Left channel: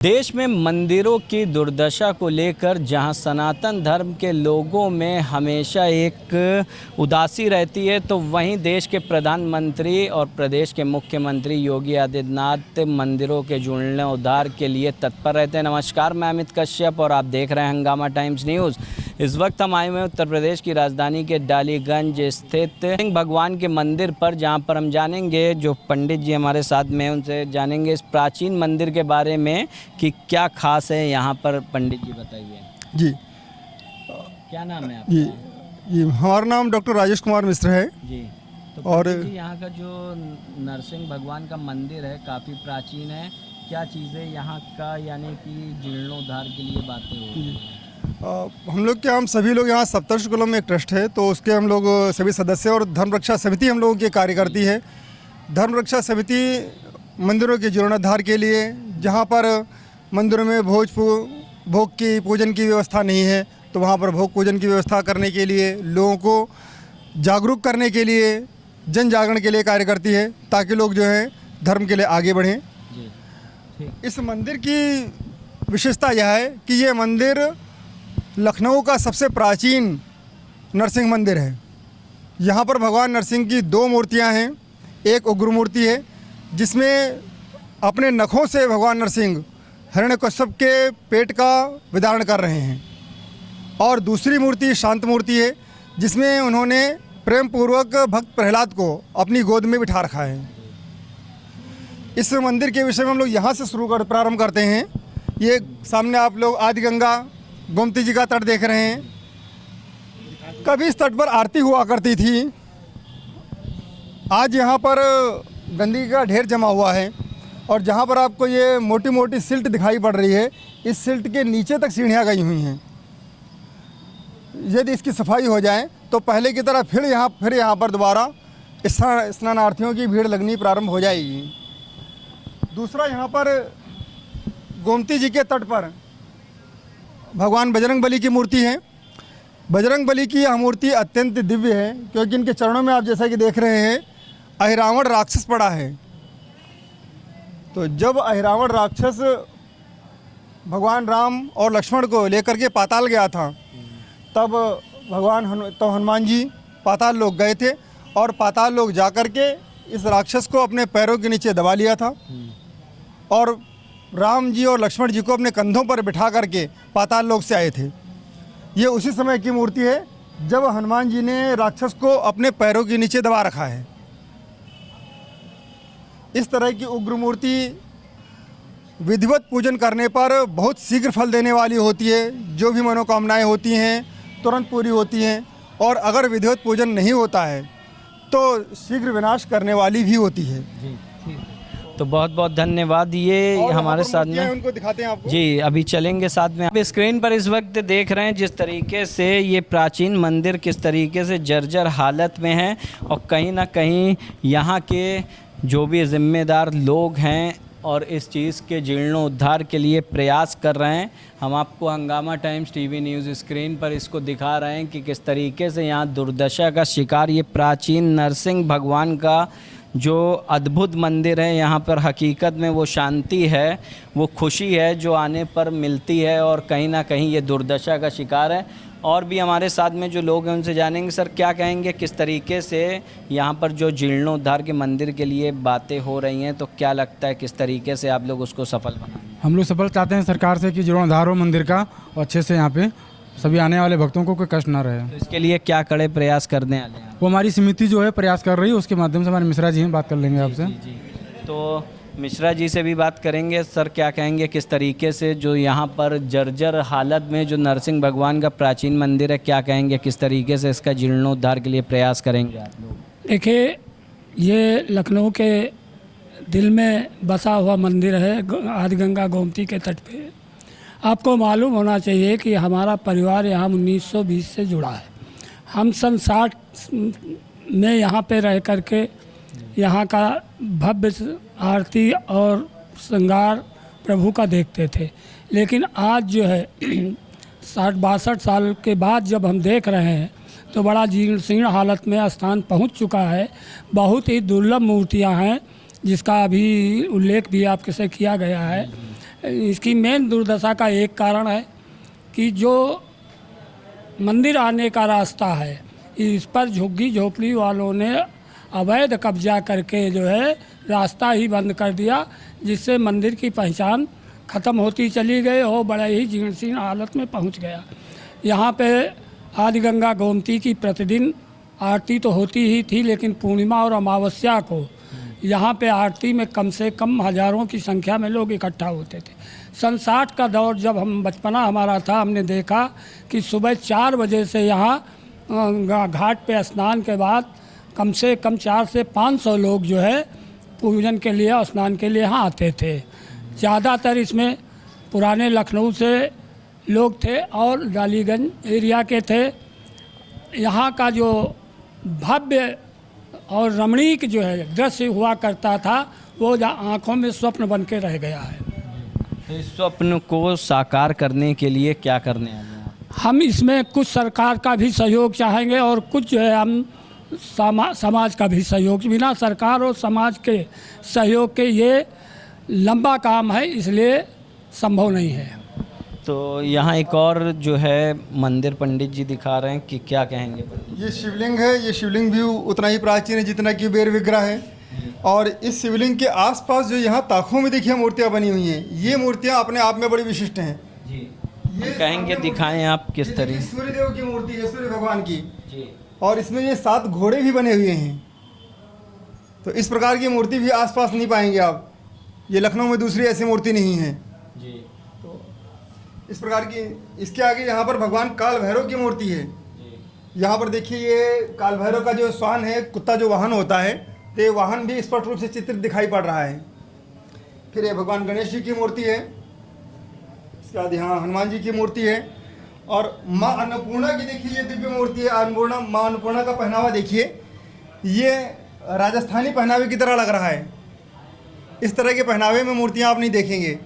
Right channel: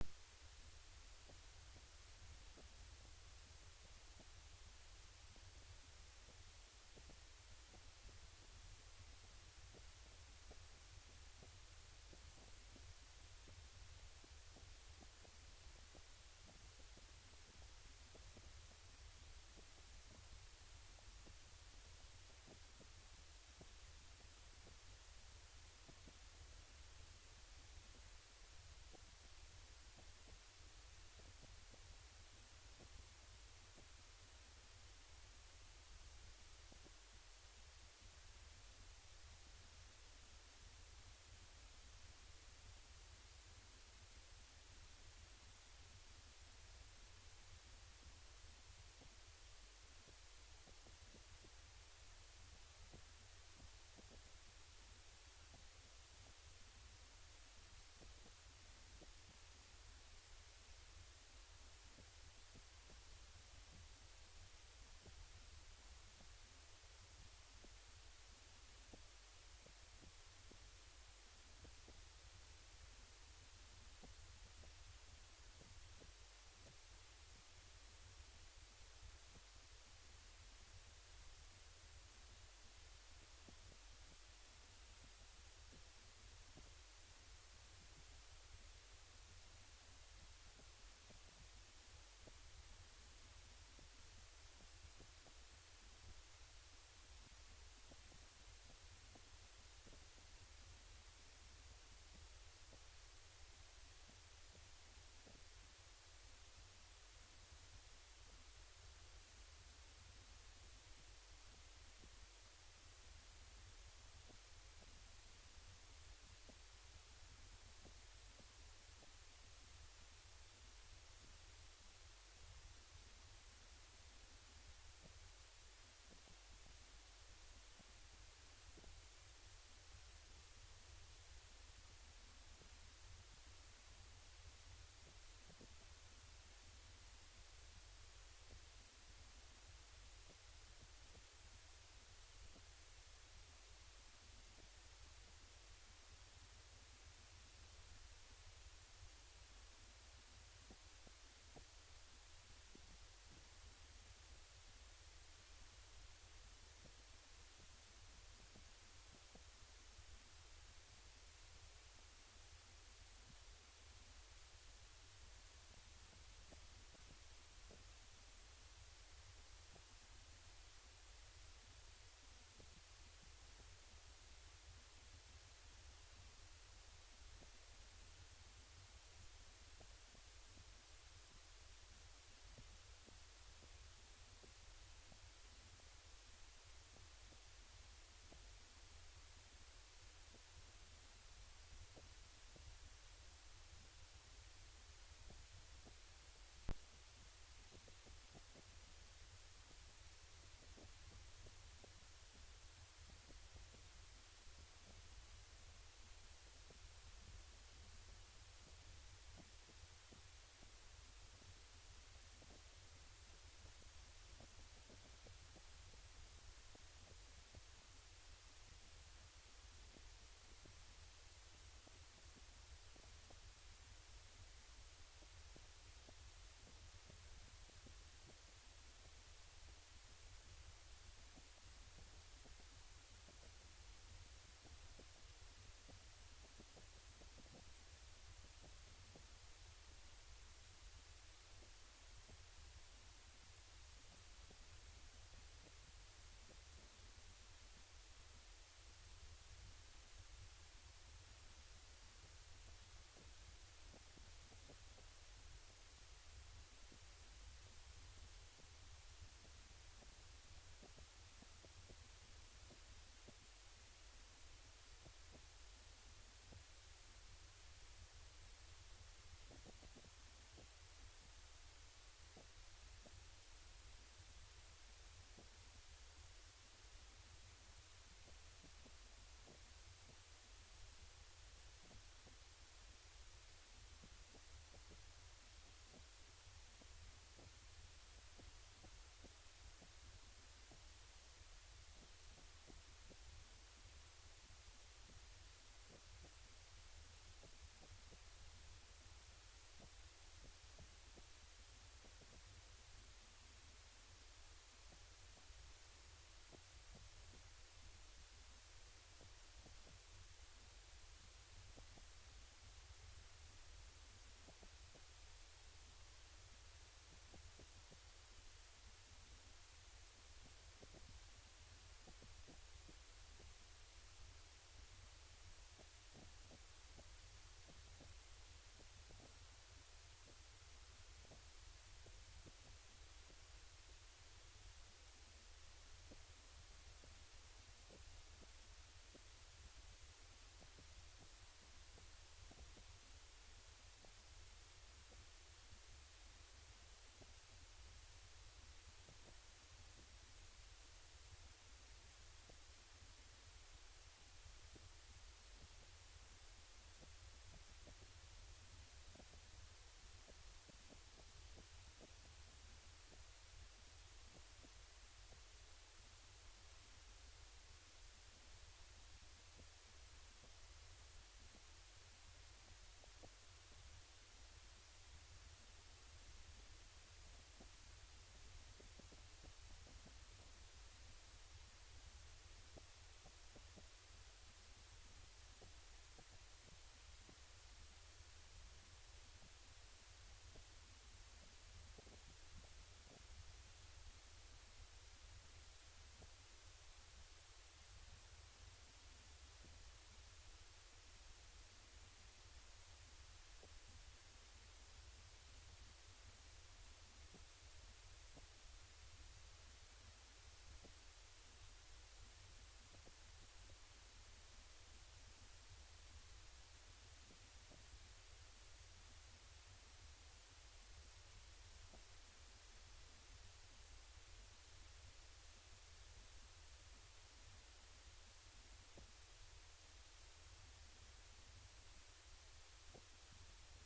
देश में मंदिरों की दुर्दशा को लेकर जहां सनातन धर्म के लोगों में हमेशा एक उदासी रहती है, तो वहीं देश प्रधानमंत्री और प्रदेश के मुख्यमंत्री योगी आदित्यनाथ मंदिरों के जीर्णोद्धार के लिए तत्पर रहते हैं। नमस्कार, मैं अमित कश्यप और आप देख रहे हैं हंगामा टाइम्स न्यूज़। इस वक्त हम आए हुए हैं उत्तर प्रदेश की राजधानी के डालीगंज स्थित सिंह भगवान के मंदिर पर, जहां पर हम जानेंगे, जो पंडित जी हमारे साथ में हैं उनसे जानेंगे इस प्राचीन मंदिर के बारे में कि क्या खास है यहाँ पर। पंडित जी बताइए। जी, क्या नाम है आपका? जी, हमारा नाम डॉक्टर राजेश कुमार मिश्र है। जी, तो और जी यहाँ का जो नरसिंह भगवान का मंदिर है काफ़ी प्राचीन है। क्या चीज़ें यहाँ का यानी कि जीर्णोद्धार के लिए बातें हो रही हैं? हम लोग क्या, हम सभी लोग यहाँ सप्तर्षि कुलम में एक ट्रस्ट है, तो उसके हम लोग सभी सदस्य और धर्म रक्षा समिति हम लोगों की कार्य करती है। धर्म रक्षा समिति मंदिरों के जीर्णोद्धार के लिए, जहाँ पर मंदिरों में भोग की पूजन की व्यवस्था नहीं है, तो वहाँ पर भोग पूजन की व्यवस्था करने के लिए, लोगों को जागरूक करने के लिए, जन जागरण के लिए कार्य करती है, ताकि लोग जो है धर्म के लिए आगे बढ़ें। इस मंदिर की विशेषता यह है कि ये मंदिर लखनऊ का सबसे प्राचीन नरसिंह मंदिर है। यहाँ पर भगवान नरसिंह की दो मूर्तियाँ हैं। एक उग्र मूर्ति है जिसमें अपने नखों से भगवान नरसिंह हिरण्यकश्यप के पेट का विदारण कर रहे हैं, और दूसरी मूर्ति शांत मूर्ति है जिसमें उन्होंने प्रेम पूर्वक भक्त प्रहलाद को अपनी गोद में बिठा रखा है। इस मंदिर के विषय में हम लोग यहाँ से प्रारंभ करते हैं। ये सामने आप लोग आदि गंगा गोमती जी का तट देख रहे हैं। कभी इस तट पर आरती हुआ करती थी। आज यहाँ पर गंदगी का ढेर जमा हुआ है, और जहाँ पर आपको ये मोटी मोटी सिल्ट दिखाई पड़ रही है, इस सिल्ट के नीचे तक सीढ़ियाँ गई हुई हैं। यदि इसकी सफाई हो जाए तो पहले की तरह फिर यहाँ पर दोबारा स्नानार्थियों की भीड़ लगनी प्रारंभ हो जाएगी। दूसरा, यहाँ पर गोमती जी के तट पर भगवान बजरंग बली की मूर्ति है। बजरंग बली की यह मूर्ति अत्यंत दिव्य है, क्योंकि इनके चरणों में आप जैसा कि देख रहे हैं अहिरावण राक्षस पड़ा है। तो जब अहिरावण राक्षस भगवान राम और लक्ष्मण को लेकर के पाताल गया था, तब हनुमान जी पाताल लोक गए थे, और पाताल लोक जाकर के इस राक्षस को अपने पैरों के नीचे दबा लिया था, और राम जी और लक्ष्मण जी को अपने कंधों पर बिठा करके पाताल लोक से आए थे। ये उसी समय की मूर्ति है जब हनुमान जी ने राक्षस को अपने पैरों के नीचे दबा रखा है। इस तरह की उग्र मूर्ति विधिवत पूजन करने पर बहुत शीघ्र फल देने वाली होती है। जो भी मनोकामनाएं होती हैं तुरंत पूरी होती हैं, और अगर विधिवत पूजन नहीं होता है तो शीघ्र विनाश करने वाली भी होती है। तो बहुत बहुत धन्यवाद। ये हमारे साथ में उनको दिखाते हैं आपको। जी, अभी चलेंगे साथ में। आप स्क्रीन पर इस वक्त देख रहे हैं जिस तरीके से ये प्राचीन मंदिर किस तरीके से जर्जर हालत में है, और कहीं ना कहीं यहाँ के जो भी जिम्मेदार लोग हैं और इस चीज़ के जीर्णोद्धार के लिए प्रयास कर रहे हैं। हम आपको हंगामा टाइम्स टीवी न्यूज़ स्क्रीन पर इसको दिखा रहे हैं कि किस तरीके से यहाँ दुर्दशा का शिकार ये प्राचीन नरसिंह भगवान का जो अद्भुत मंदिर है, यहाँ पर हकीकत में वो शांति है, वो खुशी है जो आने पर मिलती है, और कहीं ना कहीं ये दुर्दशा का शिकार है। और भी हमारे साथ में जो लोग हैं उनसे जानेंगे। सर, क्या कहेंगे, किस तरीके से यहाँ पर जो जीर्णोद्धार के मंदिर के लिए बातें हो रही हैं, तो क्या लगता है किस तरीके से आप लोग उसको सफल बनाएंगे? हम लोग सफल चाहते हैं सरकार से कि जीर्णोद्धार हो मंदिर का, और अच्छे से यहाँ पे सभी आने वाले भक्तों को कोई कष्ट ना रहे। तो इसके लिए क्या कड़े प्रयास करने वाले हैं? वो हमारी समिति जो है प्रयास कर रही है, उसके माध्यम से हमारे मिश्रा जी हैं, बात कर लेंगे आपसे। जी, तो मिश्रा जी से भी बात करेंगे। सर, क्या कहेंगे, किस तरीके से जो यहाँ पर जर्जर हालत में जो नरसिंह भगवान का प्राचीन मंदिर है, क्या कहेंगे, किस तरीके से इसका जीर्णोद्धार के लिए प्रयास करेंगे आप लोग? देखिए, ये लखनऊ के दिल में बसा हुआ मंदिर है, आदि गंगा गोमती के तट पे। आपको मालूम होना चाहिए कि हमारा परिवार यहाँ 1920 से जुड़ा है। हम सन 60 में यहाँ पे रह करके यहाँ का भव्य आरती और श्रृंगार प्रभु का देखते थे। लेकिन आज जो है 60-62 साल के बाद जब हम देख रहे हैं तो बड़ा जीर्ण हालत में स्थान पहुँच चुका है। बहुत ही दुर्लभ मूर्तियाँ हैं जिसका अभी उल्लेख भी आपके से किया गया है। इसकी मेन दुर्दशा का एक कारण है कि जो मंदिर आने का रास्ता है इस पर झुग्गी झोपड़ी वालों ने अवैध कब्जा करके जो है रास्ता ही बंद कर दिया, जिससे मंदिर की पहचान ख़त्म होती चली गई और बड़े ही जीर्णशीर्ण हालत में पहुंच गया। यहाँ पे आदि गंगा गोमती की प्रतिदिन आरती तो होती ही थी, लेकिन पूर्णिमा और अमावस्या को यहाँ पे आरती में कम से कम हज़ारों की संख्या में लोग इकट्ठा होते थे। सन 60 का दौर जब हम बचपना हमारा था, हमने देखा कि सुबह 4 बजे से यहाँ घाट पे स्नान के बाद कम से कम 400 से 500 लोग जो है पूजन के लिए और स्नान के लिए यहाँ आते थे। ज़्यादातर इसमें पुराने लखनऊ से लोग थे और डालीगंज एरिया के थे। यहाँ का जो भव्य और रमणीक जो है दृश्य हुआ करता था वो आँखों में स्वप्न बन के रह गया है। तो इस स्वप्न को साकार करने के लिए क्या करने वाले हैं? हम इसमें कुछ सरकार का भी सहयोग चाहेंगे और कुछ जो है हम समाज का भी सहयोग। बिना सरकार और समाज के सहयोग के ये लंबा काम है, इसलिए संभव नहीं है। तो यहाँ एक और जो है मंदिर पंडित जी दिखा रहे हैं कि क्या कहेंगे? ये शिवलिंग है, ये शिवलिंग भी उतना ही प्राचीन है जितना कि बेर विग्रह है। और इस शिवलिंग के आसपास जो यहाँ ताकों में देखिए मूर्तियाँ बनी हुई हैं, ये मूर्तियाँ अपने आप में बड़ी विशिष्ट हैं जी। ये कहेंगे दिखाएं आप किस तरीके? सूर्य देव की मूर्ति है, सूर्य भगवान की जी। और इसमें ये 7 घोड़े भी बने हुए हैं। तो इस प्रकार की मूर्ति भी आसपास नहीं पाएंगे आप, ये लखनऊ में दूसरी ऐसी मूर्ति नहीं है जी। तो इस प्रकार की इसके आगे यहाँ पर भगवान काल भैरव की मूर्ति है। यहाँ पर देखिए ये काल भैरव का जो स्वान है, कुत्ता जो वाहन होता है, तो ये वाहन भी स्पष्ट रूप से चित्रित दिखाई पड़ रहा है। फिर ये भगवान गणेश जी की मूर्ति है, इसके बाद यहाँ हनुमान जी की मूर्ति है। और माँ अन्नपूर्णा की देखिए ये दिव्य मूर्ति है। अन्नपूर्णा, माँ अन्नपूर्णा का पहनावा देखिए, ये राजस्थानी पहनावे की तरह लग रहा है। इस तरह के पहनावे में मूर्तियाँ आप नहीं देखेंगे।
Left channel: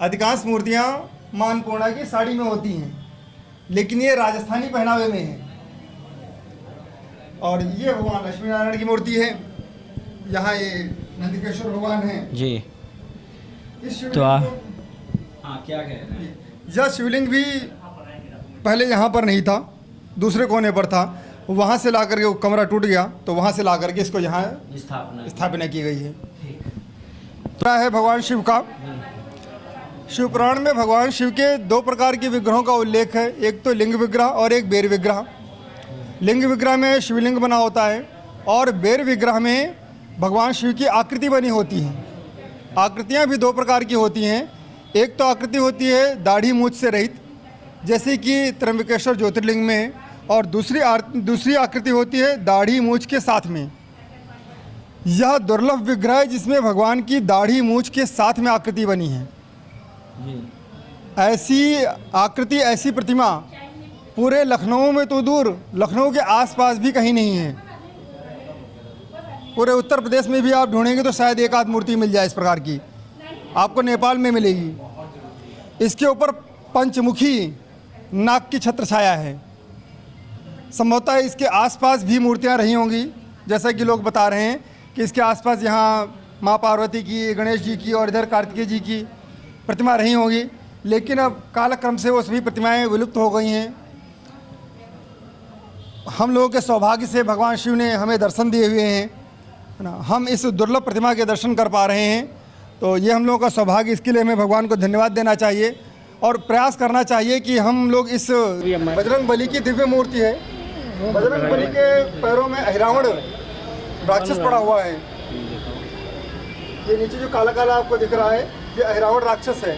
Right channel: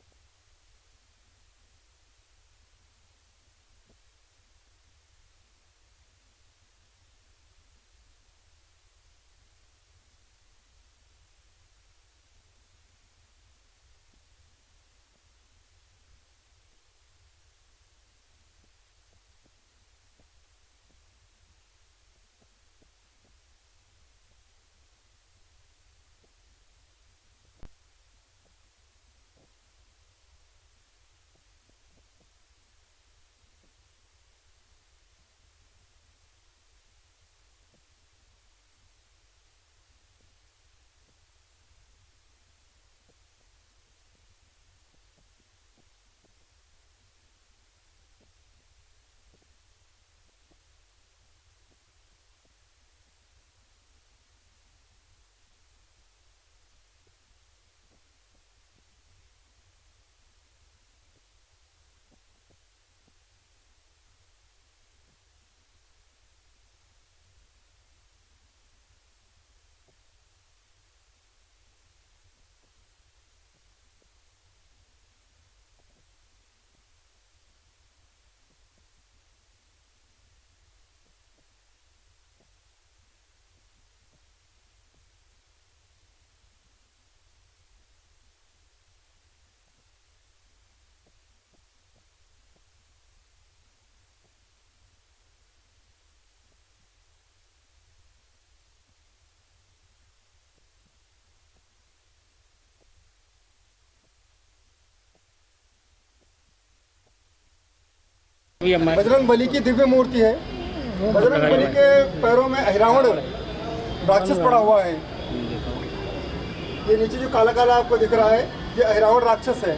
अधिकांश मूर्तियाँ माँ अन्नपूर्णा की साड़ी में होती हैं, लेकिन ये राजस्थानी पहनावे में है। और ये भगवान लक्ष्मी नारायण की मूर्ति है। यहाँ ये नंदिकेश्वर भगवान है जी। इस तो हाँ, क्या कह रहे हैं? यह शिवलिंग भी पहले यहाँ पर नहीं था, दूसरे कोने पर था। वहाँ से ला करके वो कमरा टूट गया, तो वहाँ से ला करके इसको यहाँ स्थापना की गई है। है भगवान शिव का। शिव पुराण में भगवान शिव के 2 प्रकार के विग्रहों का उल्लेख है, एक तो लिंग विग्रह और एक बेर विग्रह। लिंग विग्रह में शिवलिंग बना होता है और बेर विग्रह में भगवान शिव की आकृति बनी होती है। आकृतियाँ भी 2 प्रकार की होती हैं। एक तो आकृति होती है दाढ़ी मूछ से रहित, जैसे कि त्र्यंबकेश्वर ज्योतिर्लिंग में, और दूसरी आकृति होती है दाढ़ी मूछ के साथ में। यह दुर्लभ विग्रह है जिसमें भगवान की दाढ़ी मूछ के साथ में आकृति बनी है। ऐसी आकृति, ऐसी प्रतिमा पूरे लखनऊ में तो दूर, लखनऊ के आसपास भी कहीं नहीं है। पूरे उत्तर प्रदेश में भी आप ढूंढेंगे तो शायद एक आध मूर्ति मिल जाए इस प्रकार की, आपको नेपाल में मिलेगी। इसके ऊपर पंचमुखी नाग की छत्र छाया है। संभवतः इसके आसपास भी मूर्तियां रही होंगी, जैसा कि लोग बता रहे हैं कि इसके आसपास यहाँ माँ पार्वती की, गणेश जी की और इधर कार्तिकेय जी की प्रतिमा रही होंगी, लेकिन अब कालक्रम से वो सभी प्रतिमाएं विलुप्त हो गई हैं। हम लोगों के सौभाग्य से भगवान शिव ने हमें दर्शन दिए हुए हैं, है ना। हम इस दुर्लभ प्रतिमा के दर्शन कर पा रहे हैं, तो ये हम लोगों का सौभाग्य। इसके लिए हमें भगवान को धन्यवाद देना चाहिए और प्रयास करना चाहिए कि हम लोग इस बजरंग बली की दिव्य मूर्ति है। बजरंग बली के पैरों में अहिरावण राक्षस पड़ा हुआ है। ये नीचे जो काला काला आपको दिख रहा है, ये अहिरावण राक्षस है।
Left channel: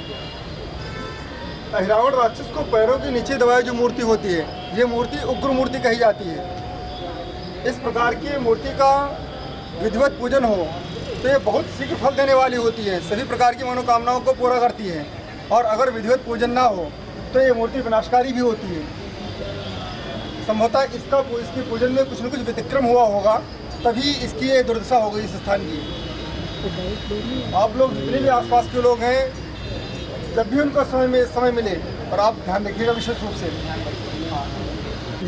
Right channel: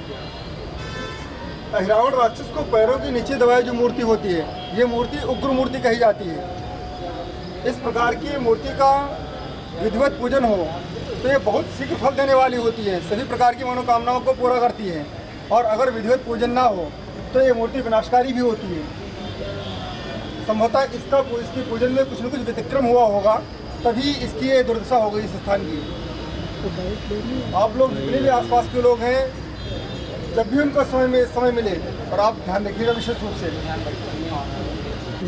अहिरावण राक्षस को पैरों के नीचे दबाई जो मूर्ति होती है, ये मूर्ति उग्र मूर्ति कही जाती है। इस प्रकार की मूर्ति का विधिवत पूजन हो तो ये बहुत शीघ्र फल देने वाली होती है, सभी प्रकार की मनोकामनाओं को पूरा करती है। और अगर विधिवत पूजन ना हो तो ये मूर्ति विनाशकारी भी होती है। संभवतः इसकी पूजन में कुछ न कुछ व्यतिक्रम हुआ होगा, तभी इसकी ये दुर्दशा हो गई इस स्थान की। आप लोग जितने भी आसपास के लोग हैं, जब भी उनको समय मिले, और आप ध्यान रखिएगा विशेष रूप से,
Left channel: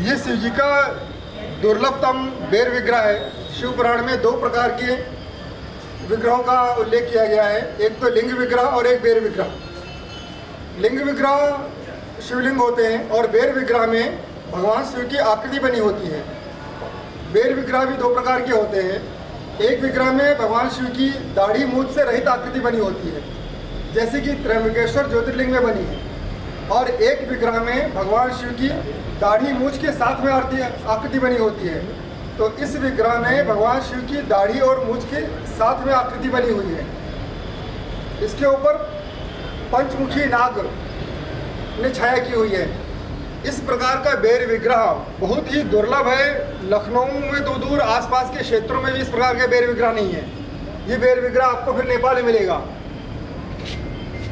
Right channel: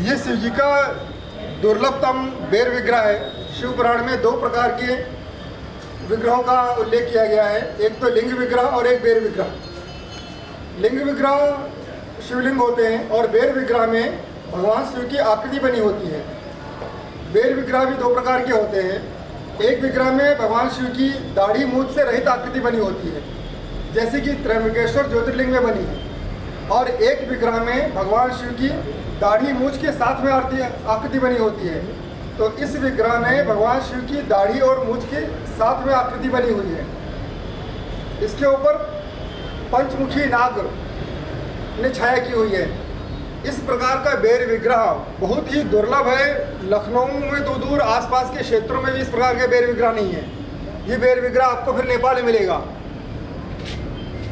ये शिव जी का दुर्लभतम बेर विग्रह है। शिव पुराण में 2 प्रकार के विग्रहों का उल्लेख किया गया है, एक तो लिंग विग्रह और एक बेर विग्रह। लिंग विग्रह शिवलिंग होते हैं और बेर विग्रह में भगवान शिव की आकृति बनी होती है। बेर विग्रह भी दो प्रकार के होते हैं। एक विग्रह में भगवान शिव की दाढ़ी मूंछ से रहित आकृति बनी होती है, जैसे कि त्र्यंबकेश्वर ज्योतिर्लिंग में बनी है, और एक विग्रह में भगवान शिव की दाढ़ी मूंछ के साथ में आकृति बनी होती है। तो इस विग्रह में भगवान शिव की दाढ़ी और मूंछ के साथ में आकृति बनी हुई है। इसके ऊपर पंचमुखी नाग ने छाया की हुई है। इस प्रकार का बेर विग्रह बहुत ही दुर्लभ है। लखनऊ में तो दूर आसपास के क्षेत्रों में भी इस प्रकार के बेर विग्रह नहीं है। ये बेर विग्रह आपको फिर नेपाल में मिलेगा।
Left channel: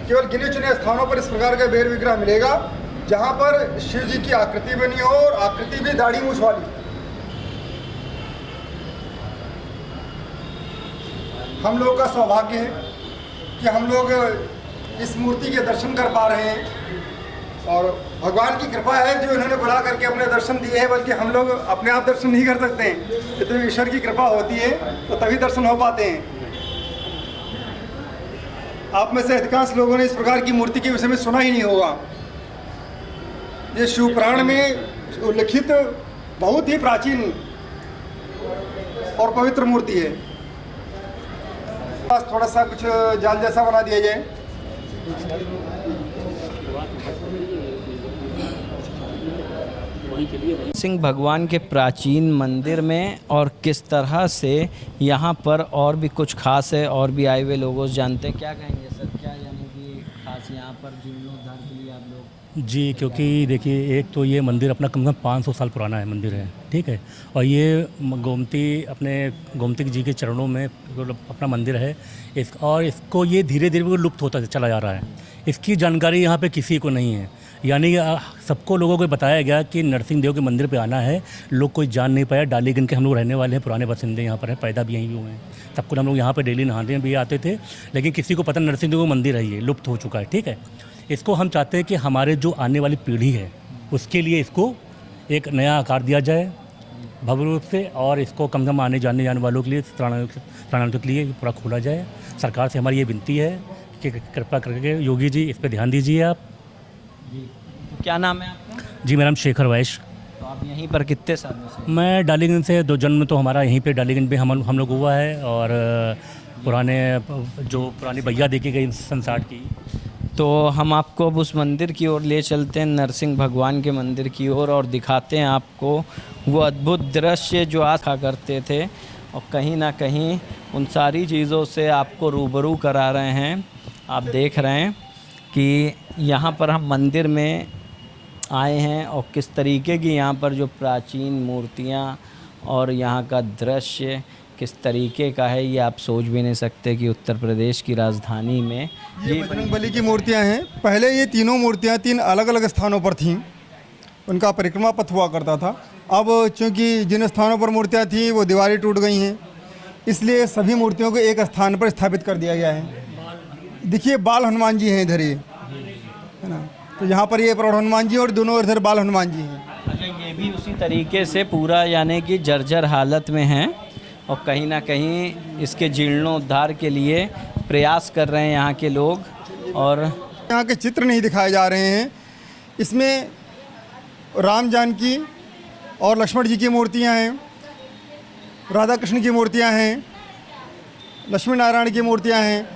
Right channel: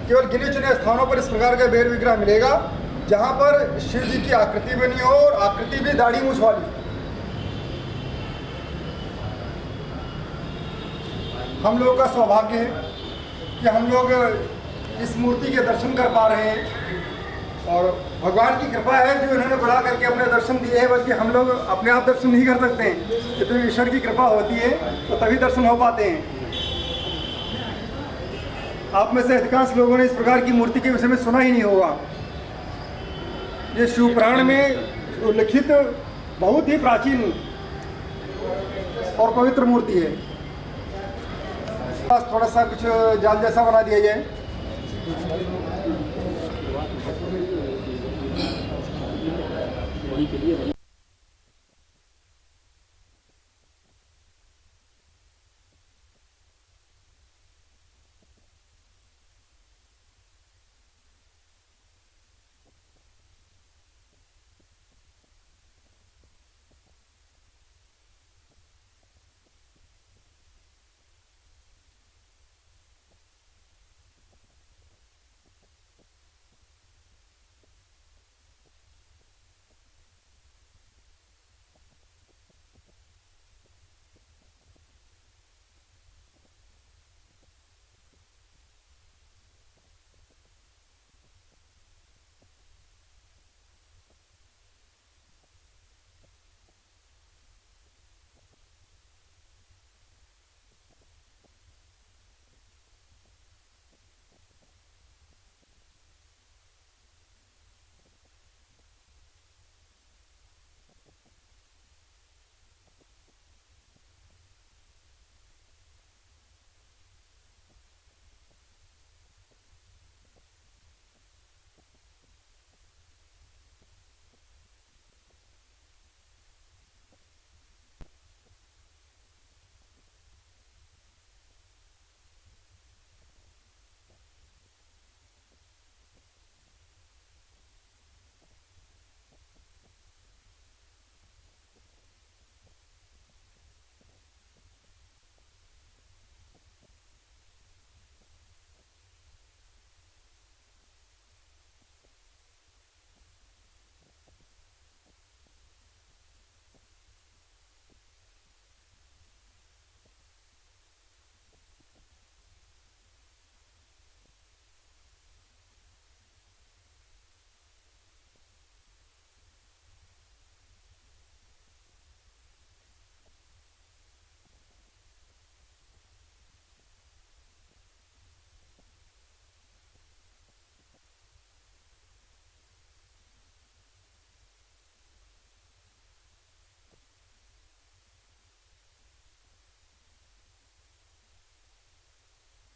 केवल गिने चुने स्थानों पर इस प्रकार का बेर विग्रह मिलेगा जहाँ पर शिव जी की आकृति बनी हो और आकृति भी दाढ़ी मूंछ वाली। हम लोगों का सौभाग्य है कि हम लोग इस मूर्ति के दर्शन कर पा रहे हैं और भगवान की कृपा है जो इन्होंने बुला करके अपने दर्शन दिए हैं। बल्कि हम लोग अपने आप दर्शन नहीं कर सकते हैं, ये तो ईश्वर की कृपा होती है तो तभी दर्शन हो पाते हैं। आप में से अधिकांश लोगों ने इस प्रकार की मूर्ति के विषय में सुना ही नहीं होगा। ये शिव पुराण में उल्लिखित बहुत ही प्राचीन और पवित्र मूर्ति है। बस थोड़ा सा कुछ जाल जैसा बना दिया जाए। सिंह भगवान के प्राचीन मंदिर में और किस तरह से यहाँ पर और भी कुछ खास है और भी आए हुए लोगों से जानते हैं। क्या कहेंगे सर, क्या यानी कि खास यहाँ पर जीर्णोद्धार के लिए आप लोग? जी, क्योंकि देखिए एक तो ये मंदिर अपना कम से कम 500 साल पुराना है मंदिर है, ठीक है, और ये गोमती जी के चरणों में अपना मंदिर है। और इसको ये धीरे धीरे लुप्त होता चला जा रहा है। इसकी जानकारी यहाँ पे किसी को नहीं है। यानी सबको लोगों को बताया गया कि नरसिंह देव के मंदिर पे आना है, लोग कोई जान नहीं पाया। डालीगंज के हम लोग रहने वाले हैं, पुराने बासिंदे यहाँ पर हैं, पैदा भी यहीं हुए हैं। सबको हम लोग यहाँ पे डेली नहाने भी आते थे, लेकिन किसी को पता नरसिंह देव का मंदिर है, ये लुप्त हो चुका है, ठीक है। इसको हम चाहते हैं कि हमारे जो आने वाली पीढ़ी है उसके लिए इसको एक नया आकार दिया जाए भव्य रूप से, और इसको कम से कम आने जाने वालों के लिए शरणार्थियों के लिए पूरा खोला जाए। सरकार से हमारी ये विनती है कि कृपा करके योगी जी इस पर ध्यान दीजिए आप। जी, तो क्या नाम है आपका? जी, मेरा नाम शेखर वैश्य। तो आप यहीं पर कितने सालों से? मैं डालीगंज से, जन्म तो हमारा यहीं पे डालीगंज में हम लोग हुआ है, और पुरानी भैया देखी गई संसार की। तो हम आपको अब उस मंदिर की ओर ले चलते हैं, नरसिंह भगवान के मंदिर की ओर, और दिखाते हैं आपको वो अद्भुत दृश्य जो आशा करते थे, और कहीं ना कहीं उन सारी चीज़ों से आपको रूबरू करा रहे हैं। आप देख रहे हैं कि यहाँ पर हम मंदिर में आए हैं और किस तरीके की यहाँ पर जो प्राचीन मूर्तियाँ और यहाँ का दृश्य किस तरीके का है, ये आप सोच भी नहीं सकते कि उत्तर प्रदेश की राजधानी में ये बजरंगबली की मूर्तियाँ हैं। पहले ये तीनों मूर्तियाँ 3 अलग अलग स्थानों पर थीं, उनका परिक्रमा पथ हुआ करता था। अब चूँकि जिन स्थानों पर मूर्तियाँ थीं वो दीवारें टूट गई हैं, इसलिए सभी मूर्तियों को एक स्थान पर स्थापित कर दिया गया है। देखिए बाल हनुमान जी हैं इधर, ये है ना, तो यहाँ पर ये प्रौढ़ हनुमान जी और दोनों इधर बाल हनुमान जी हैं। अच्छा, ये भी उसी तरीके से पूरा यानी कि जर्जर हालत में हैं, और कहीं ना कहीं इसके जीर्णोद्धार के लिए प्रयास कर रहे हैं यहाँ के लोग। और यहाँ के चित्र नहीं दिखाए जा रहे हैं, इसमें राम जानकी और लक्ष्मण जी की मूर्तियाँ हैं, राधा कृष्ण की मूर्तियाँ हैं, लक्ष्मी नारायण की मूर्तियाँ हैं,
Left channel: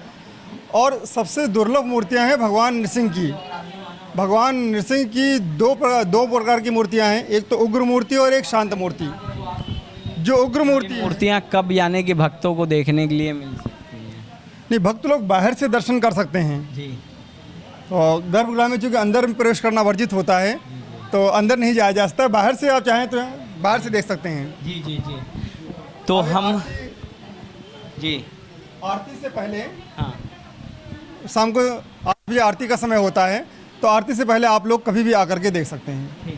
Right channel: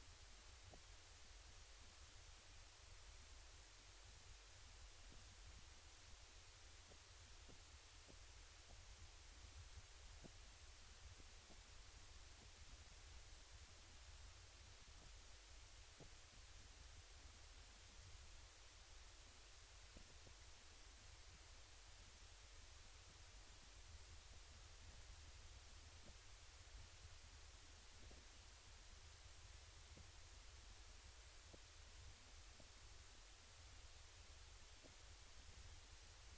और सबसे दुर्लभ मूर्तियाँ हैं भगवान नृसिंह की। भगवान नृसिंह की दो प्रकार की मूर्तियाँ हैं, एक तो उग्र मूर्ति और एक शांत मूर्ति। जो उग्र मूर्तियाँ कब यानी कि भक्तों को देखने के लिए मिल सकती हैं? नहीं, भक्त लोग बाहर से दर्शन कर सकते हैं जी। तो गर्भगृह में चूँकि अंदर में प्रवेश करना वर्जित होता है तो अंदर नहीं जाया जा सकता। बाहर से आप चाहें तो बाहर से देख सकते हैं। जी जी जी। तो हम जी आरती से पहले, हाँ, शाम को अभी आरती का समय होता है, तो आरती से पहले आप लोग कभी भी आकर के देख सकते हैं।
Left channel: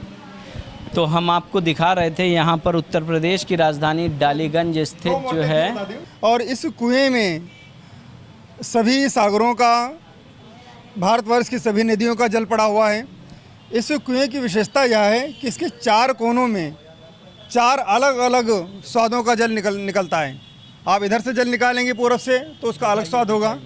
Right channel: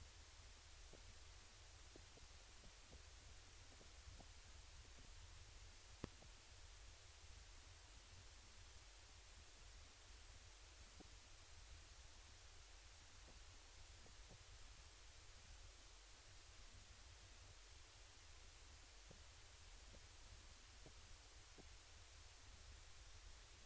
तो हम आपको दिखा रहे थे यहाँ पर उत्तर प्रदेश की राजधानी डालीगंज स्थित जो है, और इस कुएं में सभी सागरों का, भारतवर्ष की सभी नदियों का जल पड़ा हुआ है। इस कुएं की विशेषता यह है कि इसके 4 कोनों में 4 अलग अलग स्वादों का जल निकलता है। आप इधर से जल निकालेंगे पूरब से तो उसका अलग स्वाद होगा,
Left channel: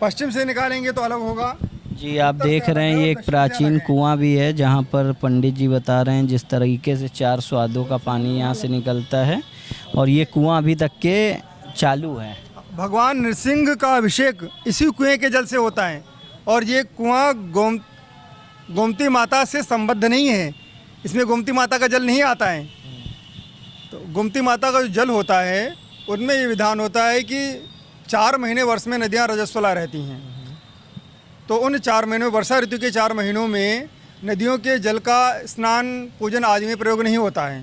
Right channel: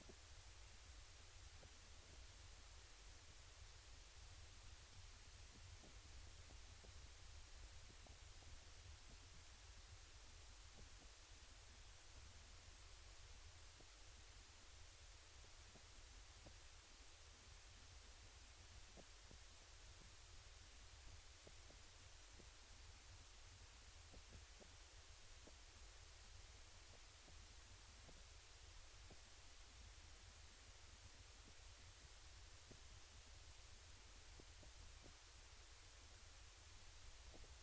पश्चिम से निकालेंगे तो अलग होगा, जी आप देख रहे हैं ये एक प्राचीन कुआं भी है जहां पर पंडित जी बता रहे हैं जिस तरीके से 4 स्वादों का पानी यहां से निकलता है और ये कुआं अभी तक के चालू है। भगवान नरसिंह का अभिषेक इसी कुएं के जल से होता है और ये कुआं गोमती माता से संबद्ध नहीं है, इसमें गोमती माता का जल नहीं आता है। तो गोमती माता का जो जल होता है उनमें ये विधान होता है कि 4 महीने वर्ष में नदियाँ रजस्वला रहती हैं, तो उन 4 महीनों वर्षा ऋतु के 4 महीनों में नदियों के जल का स्नान पूजन आदि में प्रयोग नहीं होता है,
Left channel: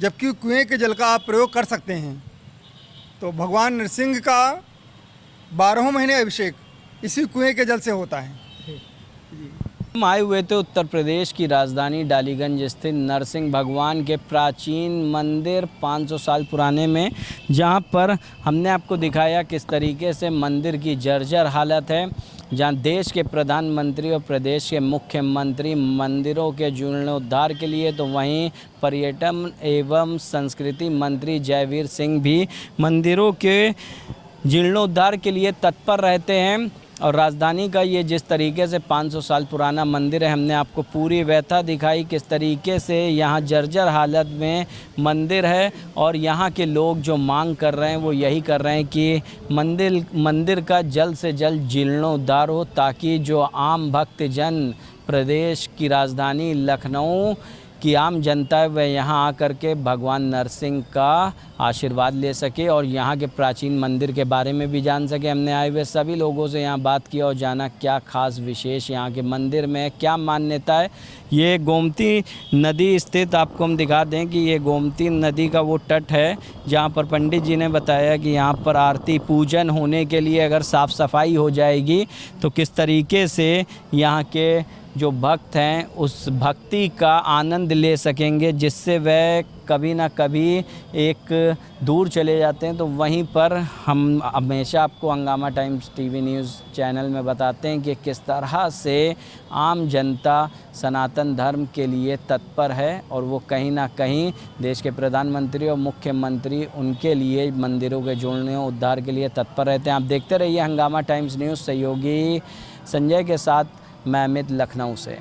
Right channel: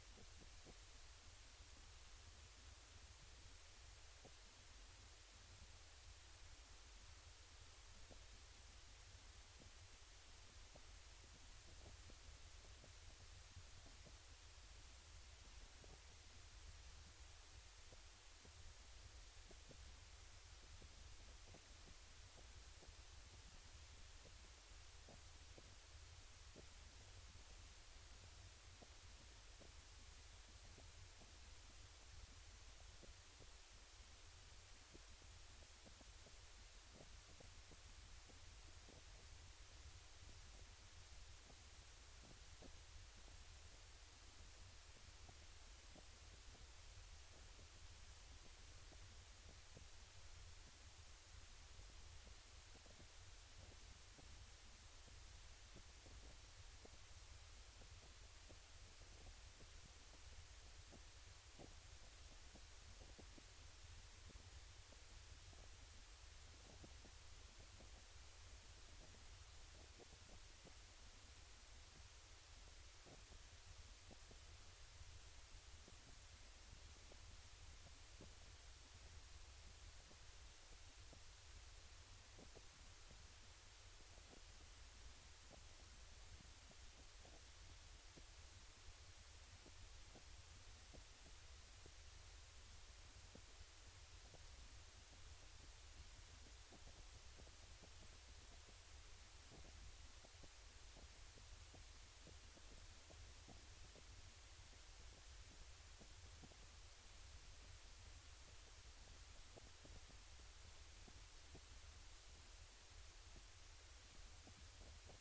जबकि कुएं के जल का आप प्रयोग कर सकते हैं। तो भगवान नरसिंह का 12 महीने अभिषेक इसी कुएं के जल से होता है। हम आए हुए थे उत्तर प्रदेश की राजधानी डालीगंज स्थित नरसिंह भगवान के प्राचीन मंदिर 500 साल पुराने में, जहां पर हमने आपको दिखाया किस तरीके से मंदिर की जर्जर हालत है, जहां देश के प्रधानमंत्री और प्रदेश के मुख्यमंत्री मंदिरों के जीर्णोद्धार के लिए, तो वहीं पर्यटन एवं संस्कृति मंत्री जयवीर सिंह भी मंदिरों के जीर्णोद्धार के लिए तत्पर रहते हैं। और राजधानी का ये जिस तरीके से 500 साल पुराना मंदिर है, हमने आपको पूरी व्यथा दिखाई किस तरीके से यहाँ जर्जर हालत में मंदिर है और यहाँ के लोग जो मांग कर रहे हैं वो यही कर रहे हैं कि मंदिर का जल्द से जल्द जीर्णोद्धार हो, ताकि जो आम भक्तजन प्रदेश की राजधानी लखनऊ कि आम जनता है वह यहाँ आकर के भगवान नरसिंह का आशीर्वाद ले सके और यहाँ के प्राचीन मंदिर के बारे में भी जान सके। हमने आए हुए सभी लोगों से यहाँ बात की और जाना क्या खास विशेष यहाँ के मंदिर में क्या मान्यता है। ये गोमती नदी स्थित, आपको हम दिखा दें कि ये गोमती नदी का वो तट है जहाँ पर पंडित जी ने बताया कि यहाँ पर आरती पूजन होने के लिए अगर साफ़ सफाई हो जाएगी तो किस तरीके से यहाँ के जो भक्त हैं उस भक्ति का आनंद ले सकेंगे, जिससे वह कभी ना कभी एक दूर चले जाते हैं। तो वहीं पर हम हमेशा आपको हंगामा टाइम्स टीवी न्यूज़ चैनल में बताते हैं कि किस तरह से आम जनता सनातन धर्म के लिए तत्पर है और वो कहीं ना कहीं देश के प्रधानमंत्री और मुख्यमंत्री उनके लिए मंदिरों के जोड़ने उद्धार के लिए तत्पर रहते हैं। आप देखते रहिए हंगामा टाइम्स न्यूज़। सहयोगी संजय के साथ मैं अमित, लखनऊ से।